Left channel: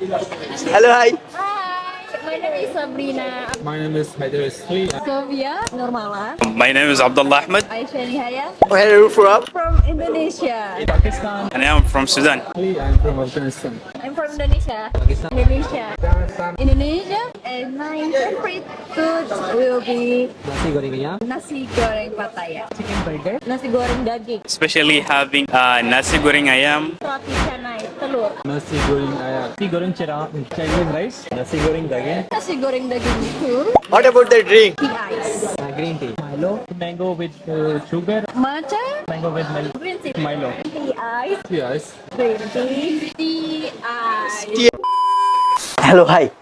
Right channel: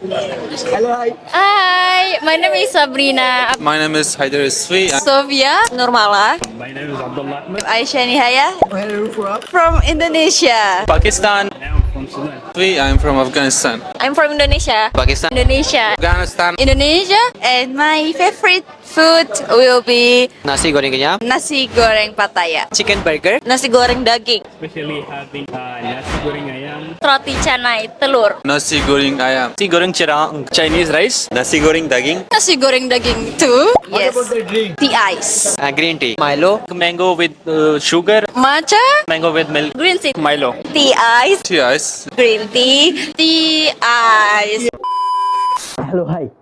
Hello, hi. Hi, my name is Sabrina. My name is Haider Iswi. Sofia Nurmala. My name is Abdullah Ahmed. Aisyah Nihaya. Where are you from? From Indonesia. Pakistan. And I'm from Sudan. I'm from Afghanistan. I'm from Indonesia. Pakistan. Indonesia. Afghanistan. Indonesia. And my favorite food will be Nasi goreng kenyal, nasi goreng Pattaya. chicken burger, Nasi goreng daging. Especially having nasi goreng ayam. Roti canai telur. Nasi goreng ayam. nasi goreng cerang, Chinese rice, Nasi goreng daging. Nasi goreng daging too. What about the drink? Tea ice. green tea, Milo, mango with sugar, Matcha. mango with milk, Green tea. Milo. Tea ice. Tea ice. Green tea. Tea ice. Hello, hi.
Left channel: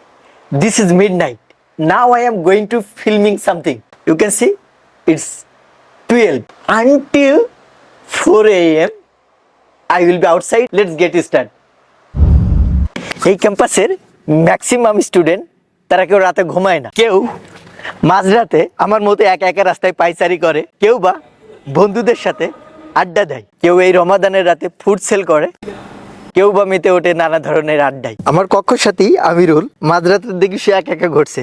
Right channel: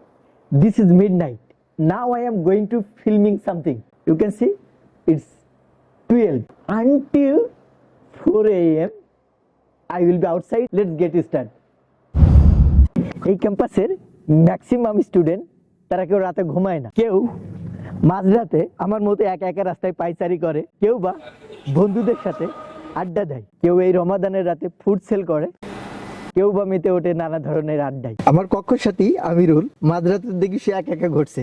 This is midnight. Now I am going to filming something. You can see it's 12 until 4 a.m. I will be outside. Let's get started. এই ক্যাম্পাসের maximum student তারা কেউ রাতে ঘুমায় না, কেউ মাঝরাতে আমার মতো একা একা রাস্তায় পায়চারি করে, কেউ বা বন্ধুদের সাথে আড্ডা দেয়, কেউ এই রমাদানের রাতে ফুড সেল করে, কেউ বা মেতে ওঠে নানা ধরনের আড্ডায়। আমার কক্ষ সাথী আমিরুল মাঝরাতের দেখি সে একা একা ঘুরছে।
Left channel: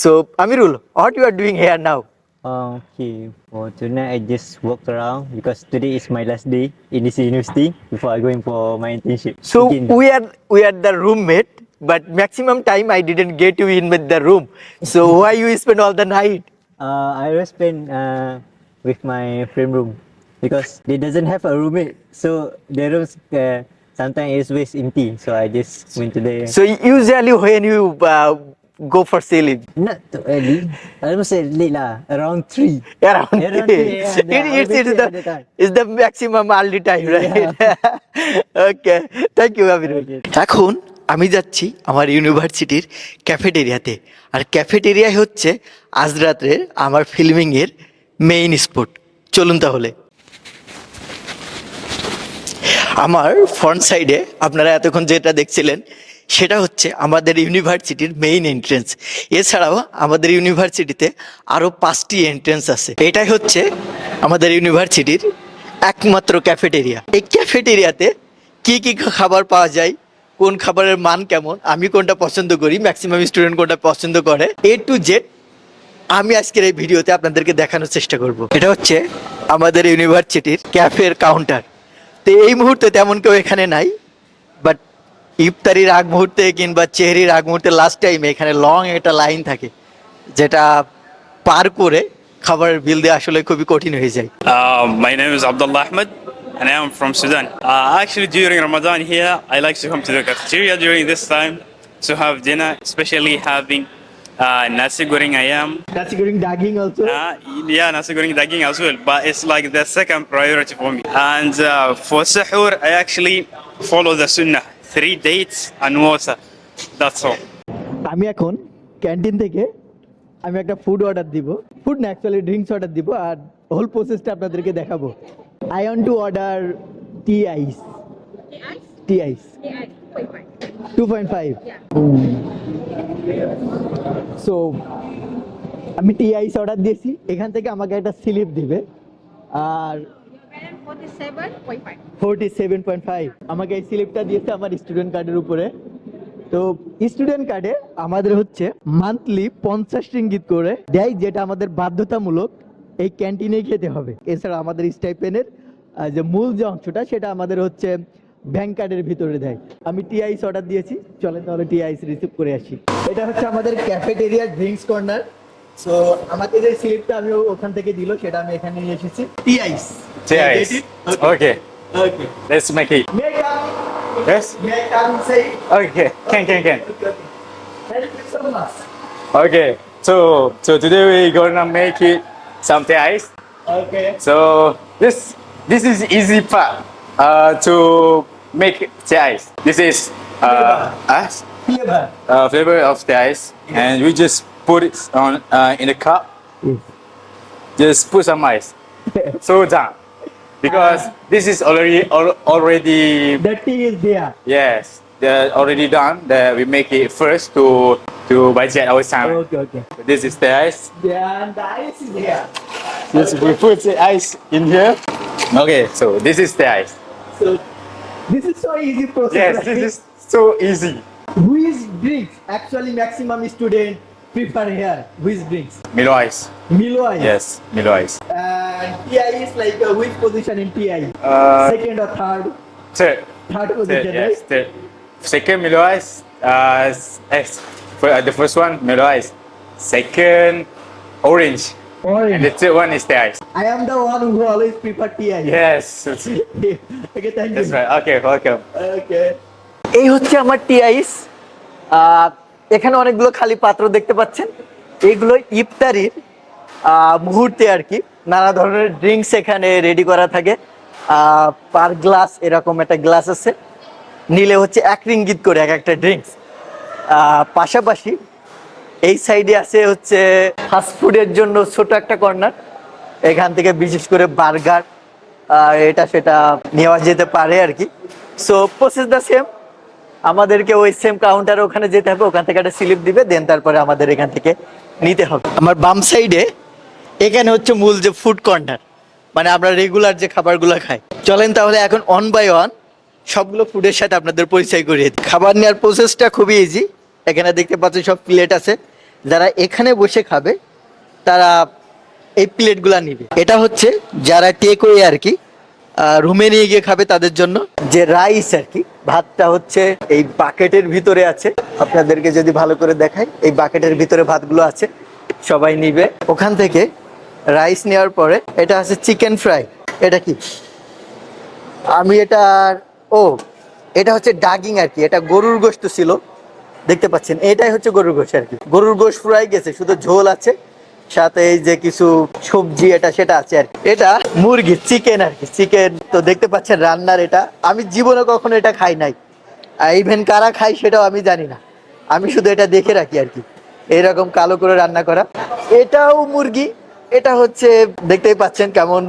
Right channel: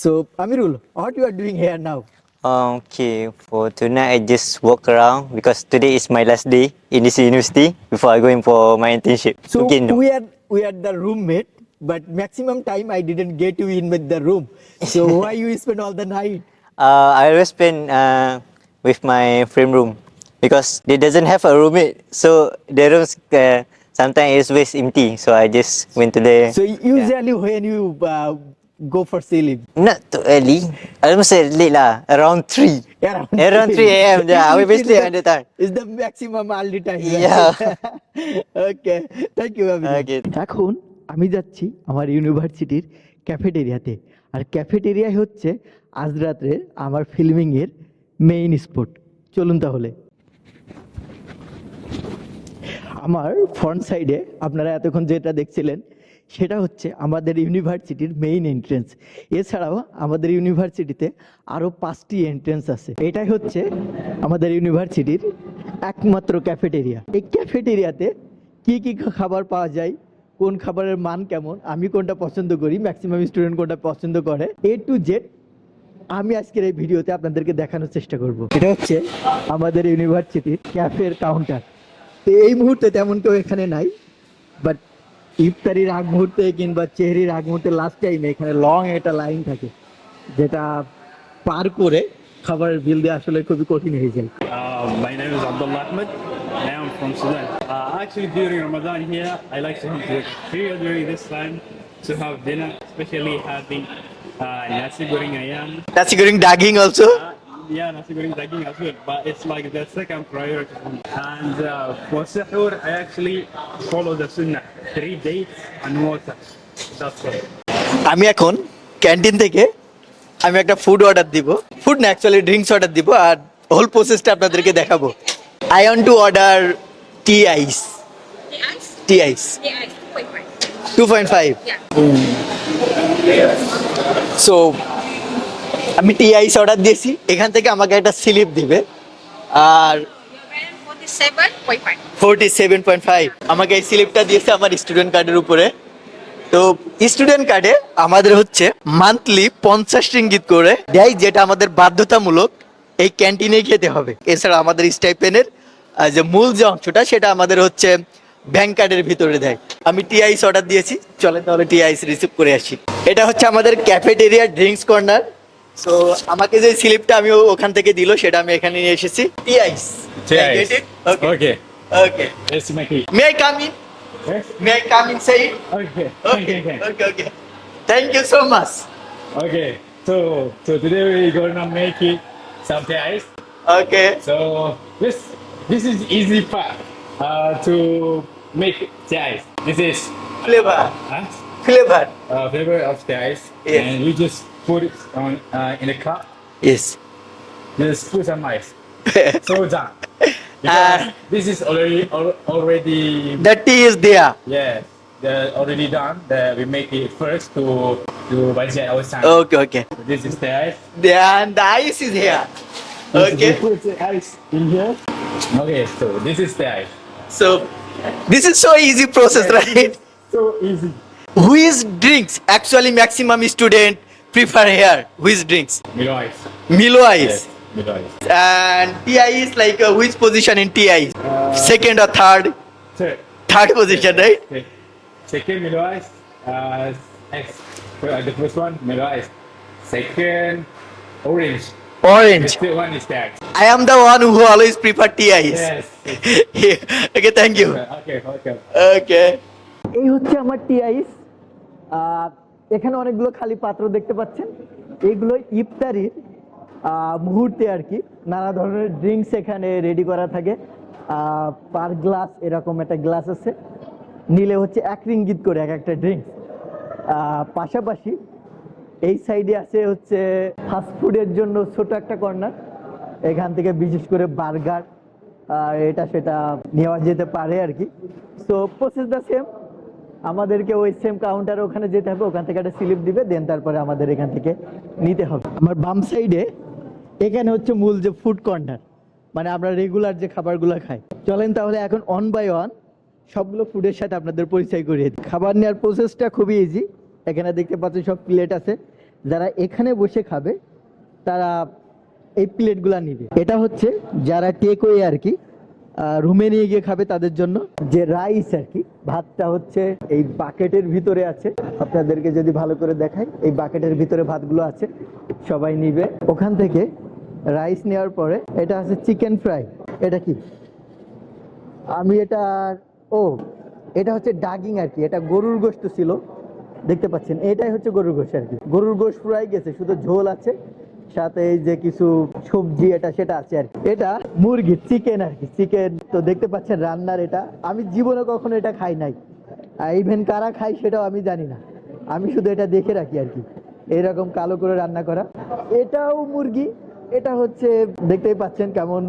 So Amirul, what you are doing here now? Okay, for tonight I just walk around because today is my last day in this university before I going for my internship. So Again. we are the roommate, but maximum time I didn't get you in with the room. So why you spend all the night? I always spend with my friend room because they doesn't have a roommate, so the rooms sometimes is always empty. So I just went to the So usually when you go for sleep, not too early. I almost say late lah, around 3. Around 3 a.m. Yeah, I will be sleep at the time. It's the maximum early time, right? Yeah. Okay, thank you, Amirul. Okay. এখন আমি যাচ্ছি আমার ইউনিভার্সিটির ক্যাফেটেরিয়াতে, আর cafeteria হচ্ছে আজ রাত্রের আমার filming এর মেইন স্পট। চলুন তাহলে। আমার ফ্রন্ট সাইডে আপনারা এতক্ষণ যেটা দেখছিলেন সেটা হচ্ছে আমাদের ইউনিভার্সিটির মেইন এন্ট্রেন্স। এছাড়াও আমাদের ইউনিভার্সিটিতে আরও 5টি এন্ট্রেন্স আছে। এটাই হচ্ছে আমাদের ইউনিভার্সিটির একমাত্র ক্যাফেটেরিয়া। এই ক্যাফেটেরিয়াতে কি কি খাবার পাওয়া যায়, কোন খাবারের মান কেমন, আমি কোনটা পছন্দ করি, ম্যাক্সিমাম স্টুডেন্ট কোনটা পছন্দ করে, A to Z আমি আজকের এই ভিডিওতে আপনাদেরকে দেখানোর চেষ্টা করব। এটা হচ্ছে আমাদের ইউনিভার্সিটির ক্যাফের কাউন্টার। তো এই মুহূর্তে তেমন কেউ এখানে নাই, বাট ইফতারির আগ মুহূর্তে কিংবা চেহারির আগ মুহূর্তে লাস্ট টাইমে এখানে লং একটা লাইন থাকে, যেটা পার করে খাবারের বিল দেওয়া আসলে খুবই কঠিন হয়ে যায়। My name is Abdullah Ahmed and I am from Sudan. Actually, during Ramadan here, I like to come to the cafeteria during this time to have dinner, especially having nasi goreng ayam. Nasi goreng daging also. Yeah, nasi goreng daging as well, but it's like the second priority for me. And for sahur, I actually follow the sunnah, 3 dates and water. That's all. আমি এখন canteen থেকে আমি একটা food order দিব, food না actually drinks order দিব, আর whole প্রসেসটা আপনাদেরকে দেখাবো। I want to order tea ice. Tea ice 2.5। So আমি টি আইস অর্ডার দিয়েছি, এখান থেকে আমাকে একটা স্লিপ দিবে, আর 47.5 আমাকে এই স্লিপটা দিয়েছে আমার স্টুডেন্ট কার্ডের উপরে। তো স্টুডেন্ট কার্ডে আমাদের হচ্ছে মান্থলি 50 রিঙ্গিত করে দেয়, যেটা আমাদের বাধ্যতামূলক এই ক্যান্টিনে খেতে হবে। এছাড়া আমাদের স্টাইপেনের যে মূল যে অংশটা সেটা আমাদের হচ্ছে ব্যাংক কার্ডের ভিতরে দেয়। আমি টি আইস অর্ডার দিয়েছি, চলেন তাহলে টি আইস রিসিভ করে আসি। এটা হচ্ছে আমাদের ক্যাফেটেরিয়া ড্রিঙ্কস কর্নার। সো আমাকে যে স্লিপটা আমি ওখান থেকে দিল সেটা আমি এখানে নিয়ে এসেছি। Tea ice. Okay, okay. let's make it. May I come in? Yes? May I come inside? Okay, can. Okay. Thank you so much. Okay, so today we're gonna make it something ice. Okay. So this is easy part to make the ice. This is Flavor. Flavor. Flavor of the ice, Yes. and we just put it on in a cup. Yes. Just put some ice. So down. Because this is already The tea is there. yes, they're already done. We make it first to budget our time. Okay. This is the ice. Then the ice is here. We Okay. put the ice in here. Okay, so this is the ice. So this is so easy process, Yes, right? this is so easy. Which drinks actually maximum student prefer here? Which drinks? Milo Ice. Milo Ice. Yes, Milo Ice. And TI is like which position in TI? Second or third? Third. Third position, Yes, right? third. Second Milo Ice. S. The first one Milo Ice. Second Orange. And the Orange. third one is the ice. I am the one who always prefer TI. Yes. Okay, thank you. Right. Okay, welcome. ওকে এই হচ্ছে আমার টি আইস। এখানে অনেকগুলো খালি পাত্র দেখতে পাচ্ছেন, এইগুলো ইফতারির মুহূর্তে আর কি নানা ধরনের ড্রিঙ্কস এখানে রেডি করা থাকে। পার গ্লাস এরকম একটা গ্লাস আছে, নিলে হচ্ছে 1 রিঙ্গিত করে এক একটা ড্রিঙ্কস। পাশাপাশি এই সাইডে আছে হচ্ছে ফাস্টফুডের জন্য ছোট একটা কর্নার, এখান থেকে বিশেষ করে বার্গার এটা সেটা নেওয়া যেতে পারে আর কি। সো প্রসেস দ্য সেম, আমাদেরকে ওই সেম কাউন্টারে ওখানে যেতে হবে, ওখান থেকে একটা স্লিপ দিবে, দেন তারপরে আমাদের এখান থেকে নিতে হবে। আমার বাম সাইডে এখানে হচ্ছে মূল যে ফুড কর্নার, মানে আমরা রেগুলার যে খাবারগুলো খাই। চলেন তাহলে এখন অন বাই ওয়ান সবগুলো ফুডের সাথে আপনাদের পরিচয় করিয়ে দিই। খাবার নেওয়ার প্রসেসটা খুবই ইজি। এখানে দেখতে পাচ্ছেন সব প্লেট আছে, যারা এখানে বসে খাবে তারা এই প্লেটগুলা নিবে। এটা হচ্ছে যারা টেক ওয়ে আর কি রুমে নিয়ে গিয়ে খাবে তাদের জন্য। যে রাইস আর কি, ভাতটা হচ্ছে এই বাকেটের ভিতরে আছে, আপনাদেরকে যদি ভালো করে দেখাই, এই বাকেটের ভিতরে ভাতগুলো আছে, সবাই নিবে ওখান থেকে। রাইস নেওয়ার পরে এটা আছে চিকেন ফ্রাই। এটা কি আমি এটা এটা হচ্ছে ডাগিং আর কি, এটা গরুর গোশত ছিল, দেখতে পাচ্ছেন এটাই হচ্ছে গরুর গোশত আর কি। গরুর গোশত ফ্রাই গেছে, শুধু ঝোল আছে, সাথে এই যে কিছু সবজি এটা সেটা আছে আর কি। এটা মুরগি চিকেন আর কি, চিকেন তো দেখতে পাচ্ছেন রান্নার। এটা আমি জীবনে কখনো এটা খাই নাই, ইভেন কারা খাই সেটাও আমি জানি না, আমি শুধু এটা দেখে রাখি আর কি। এইরকম কালো করে রান্না করা। এটাও মুরগি, এটা হচ্ছে দেখতেই পাচ্ছেন কেমন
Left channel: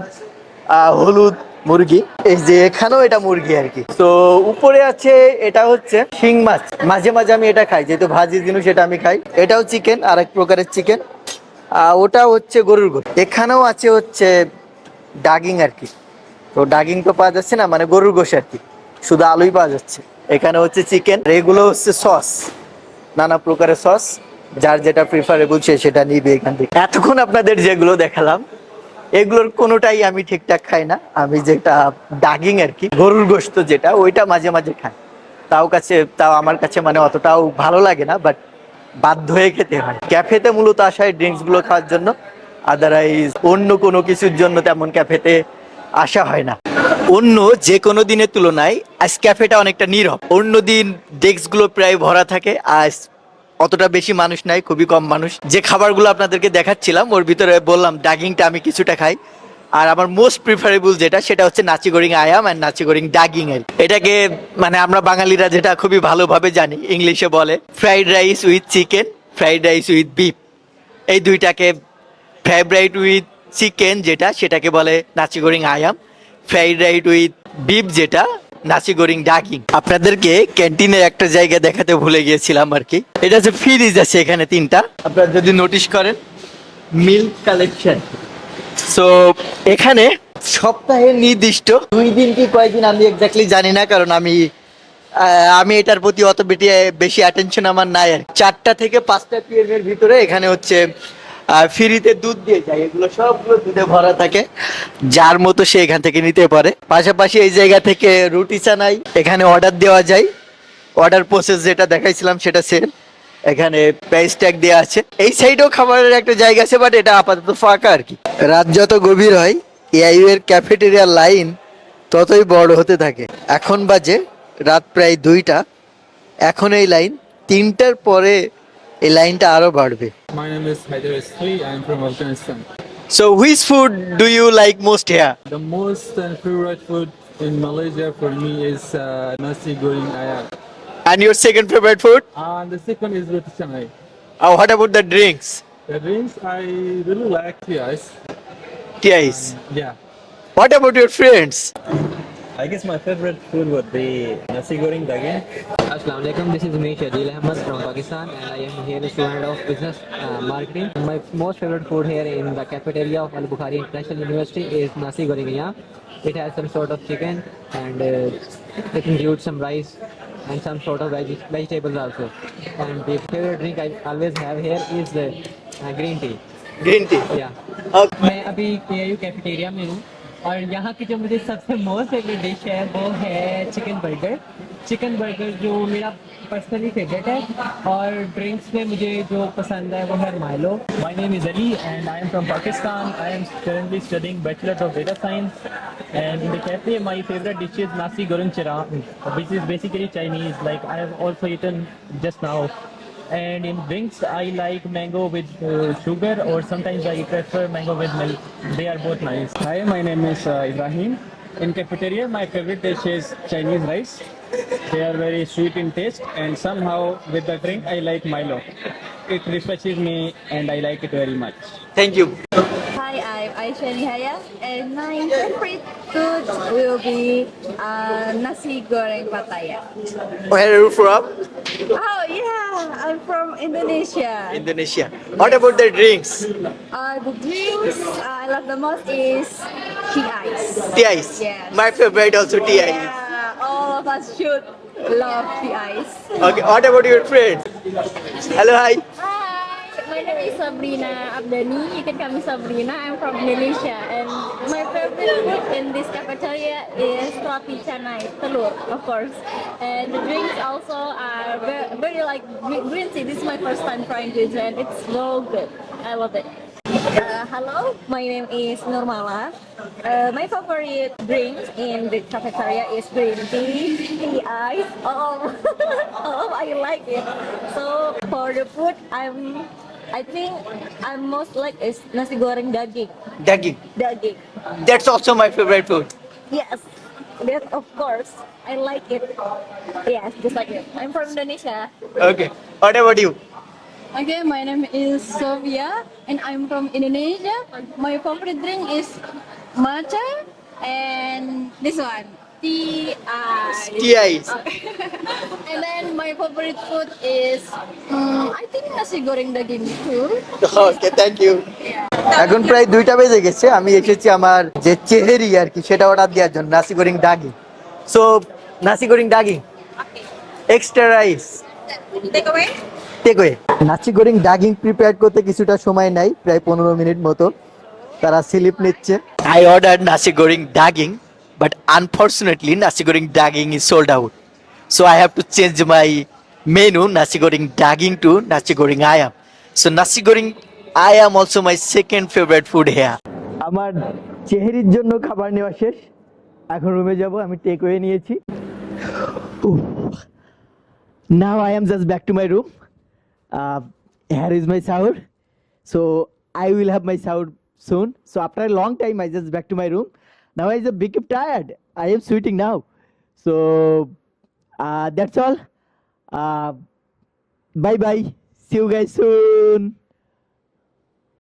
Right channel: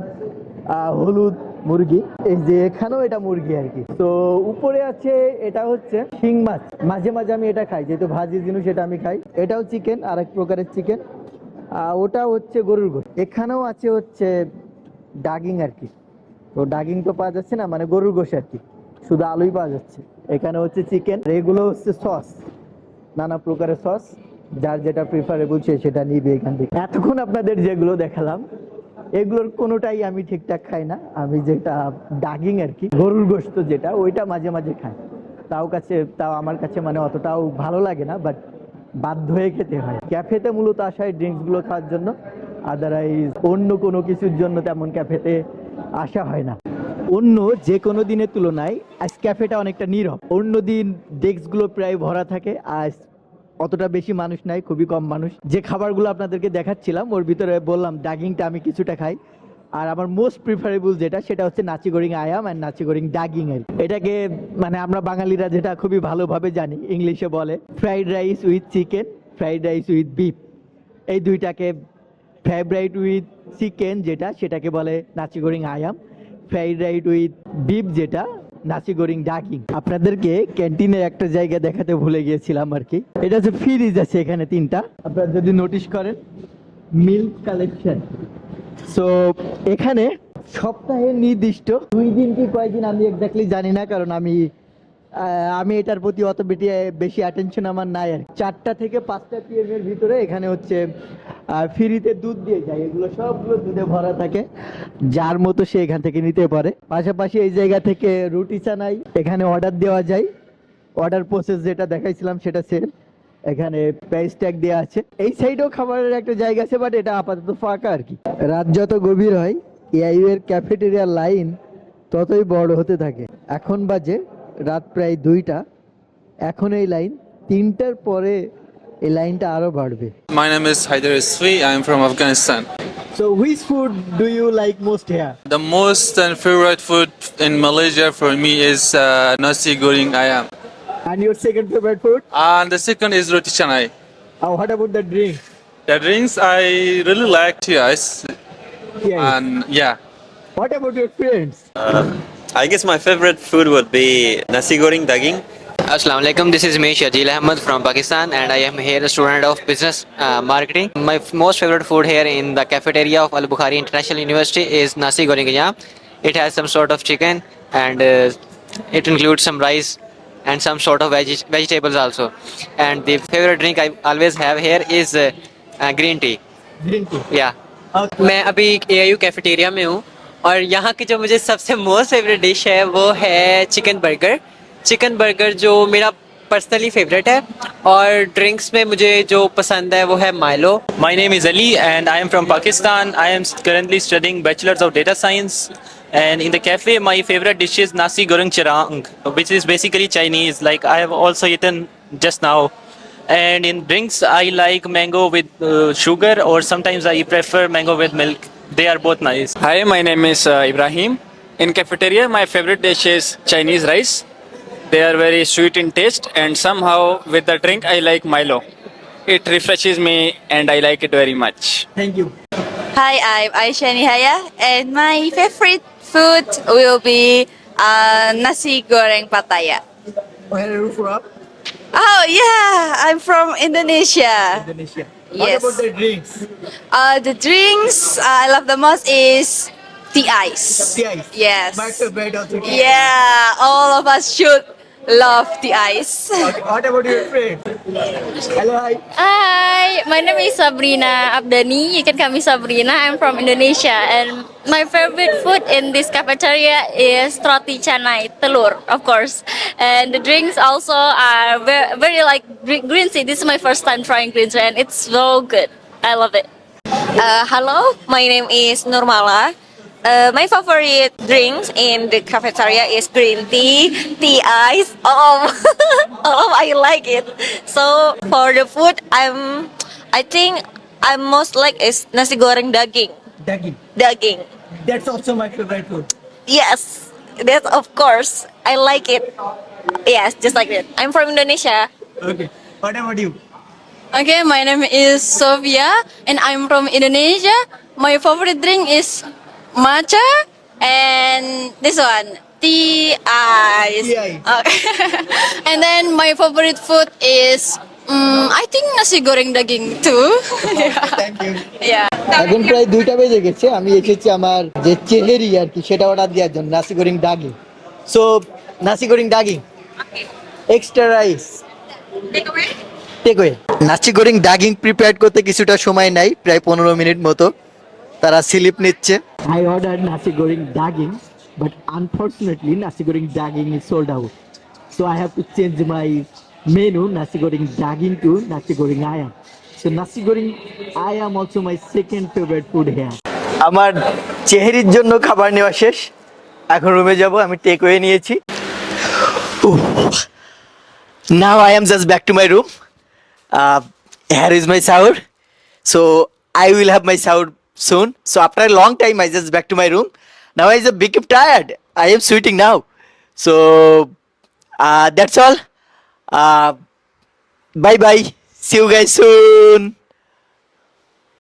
হলুদ মুরগি। এই যে এখানেও এটা মুরগি আর কি। তো উপরে আছে এটা হচ্ছে শিং মাছ, মাঝে মাঝে আমি এটা খাই, যেহেতু ভাজি জিনিস সেটা আমি খাই। এটাও চিকেন, আরেক প্রকারের চিকেন। ওটা হচ্ছে গরুর গোশত। এখানেও আছে হচ্ছে ডাগিং আর কি, তো ডাগিং তো পাওয়া যাচ্ছে না, মানে গরুর গোশত আর কি, শুধু আলুই পাওয়া যাচ্ছে। এখানে হচ্ছে চিকেন, এগুলো হচ্ছে সস, নানা প্রকারের সস, যার যেটা প্রিফারেবল সে সেটা নিবে এখান থেকে। এতক্ষণ আপনাদের যেগুলো দেখালাম এগুলোর কোনোটাই আমি ঠিকঠাক খাই না। আমি যেটা ডাগিং আর কি, গরুর গোশত যেটা, ওইটা মাঝে মাঝে খাই। তাও আমার কাছে মানে অতটাও ভালো লাগে না, বাট বাধ্য হয়ে খেতে হয়। ক্যাফেতে মূলত আসা হয় ড্রিঙ্কস গুলো খাওয়ার জন্য, আদারওয়াইজ অন্য কোনো কিছুর জন্য তেমন ক্যাফেতে আসা হয় না। অন্য যে কোনো দিনের তুলনায় আজ ক্যাফেটা অনেকটা নীরব। অন্য দিন ডেস্ক গুলো প্রায় ভরা থাকে, আজ অতটা বেশি মানুষ নাই, খুবই কম মানুষ। যে খাবারগুলো আপনাদেরকে দেখাচ্ছিলাম ওর ভিতরে বললাম ডাগিংটা আমি কিছুটা খাই, আর আমার মোস্ট প্রিফারেবল যেটা সেটা হচ্ছে নাচি গোরিং আয়াম অ্যান্ড নাচি গোরিং ডাগিং এর। এটাকে মানে আমরা বাঙালিরা যেটা খুবই ভালোভাবে জানি, ইংলিশে বলে fried rice with chicken, fried rice with beef. এই দুইটাকে ফ্রাইড রাইস উইথ চিকেন যেটা সেটাকে বলে নাচি গোরিং আয়াম, ফ্রাইড রাইস উইথ বিফ যেটা নাচি গোরিং ডাগিং। আপনাদেরকে ক্যান্টিনের একটা জায়গা দেখাতে ভুলে গিয়েছিলাম আর কি। এটা হচ্ছে ফ্রিজ আছে এখানে 3টা, আপনারা যদি নোটিশ করেন মিল্ক কালেকশন। সো এখানে সপ্তাহে নির্দিষ্ট 2 দিন কি কয়েকদিন আমি এক্স্যাক্টলি জানি না, কারণ আমি এটার প্রতি অত বেশি অ্যাটেনশন আমার নাই আর। 4টা থেকে 5টা PM এর ভিতরে এখানে হচ্ছে ফ্রিতে দুধ দিয়ে যায়, এগুলো সবগুলো দুধে ভরা থাকে, যার মতো সে এখান থেকে নিতে পারে। পাশাপাশি এই জায়গা থেকে রুটি চানাই এখানে অর্ডার দেওয়া যায়। অর্ডার প্রসেস যেটা দেখাইছিলাম সেটা সেম, এখানে প্রাইস ট্যাগ দেওয়া আছে। এই সাইডেও খাবারের একটা জায়গা আছে, বাট এটা আপাতত ফাঁকা আর কি। রাত যত গভীর হয় এআইইউ এর ক্যাফেটেরিয়ার লাইন ততই বড় হতে থাকে। এখন বাজে রাত প্রায় 2টা, এখন এই লাইন 3টার পরে এই লাইনটা আরো বাড়বে। My name is Haider Isfi. I am from Afghanistan. So which food do you like most here? The most and favorite food in Malaysia for me is nasi goreng ayam. And your second favorite food? And the second is roti canai. What about the drinks? The drinks I really like tea ice. Yes. And yeah. What about your friends? I guess my favorite food would be nasi goreng daging. Assalamu alaikum. This is me Shajil Ahmed from Pakistan, and I am here a student of business marketing. My most favorite food here in the cafeteria of Al Bukhari International University is nasi goreng ayam. It has some sort of chicken, and it includes some rice and some sort of vegetables also. And the favorite drink I always have here is green tea. Green tea Yeah. मैं अभी AIU cafeteria में हूँ और यहाँ की जो मुझे सबसे मोस्ट फेवरेट डिश है वो है चिकन बर्गर जो मेरा पर्सनली फेवरेट है। और ड्रिंक्स में मुझे जो पसंद है वो है Milo. My name is Ali and I am from Pakistan. I am currently studying Bachelor's of Data Science. And in the cafe, my favorite dish is nasi goreng chirang, which is basically Chinese. Like I have also eaten just now. And in drinks, I like mango with sugar, or sometimes I prefer mango with milk. They are both nice. Hi, my name is Ibrahim. In cafeteria, my favorite dish is Chinese rice. They are very sweet in taste, and somehow with the drink, I like Milo. It refreshes me, and I like it very much. Thank you Hi, I'm Aisha Nihaya, and my favorite food will be nasi goreng Pattaya. Where are you from? Oh yeah, I'm from Indonesia. Indonesia. What Yes. about the drinks? The drinks I love the most is tea ice. Tea ice. Yes. My favorite also tea ice. Yeah, all of us should love tea ice. Okay, what about your friend? Hello, hi. Hi, my name is Sabrina Abdani. You can call me Sabrina. I'm from Indonesia, and my favorite food in this cafeteria is roti canai telur, of course. And the drinks also are very like green tea. This is my first time trying green tea, and it's so good. I love it. Hello, my name is Nurmala. My favorite drinks in the cafeteria is green tea, tea ice. I like it. So for the food, I think I most like is nasi goreng daging. Daging. Daging. That's also my favorite food. Yes, that of course. I like it. Yes, just like that. I'm from Indonesia. Okay. What about you? Okay, my name is Sofia, and I'm from Indonesia. My favorite drink is matcha and this one, tea ice. Tea ice. Okay. And then my favorite food is, I think nasi goreng daging too. Okay, thank you. Yeah. এখন প্রায় 2টা বেজে গেছে, আমি এসেছি আমার যে চেহারি আর কি সেটা অর্ডার দেওয়ার জন্য, নাসি goreng daging. So nasi goreng daging extra rice takeaway. Nasi goreng ডাগিং prepare করতে কিছুটা সময় নাই, প্রায় 15 মিনিট মতো তারা স্লিপ নিচ্ছে। আই অর্ডার নাসি goreng ডাগিং, but unfortunately nasi goreng daging is sold out, so I have to change my menu nasi goreng ডাগিং two নাসি গোরিং আয়াম। So nasi গোরিং I am also my second favorite food here. আমার চেহারির জন্য খাবার নেওয়া শেষ, এখন রুমে যাব। আমি টেকওয়ে নিয়েছি। Now I am just back to my room. Here is my shower. So I will have my shower soon. So after a long time I just back to my room. Now I just become tired. I am sweating now. So that's all. Bye bye. See you guys soon.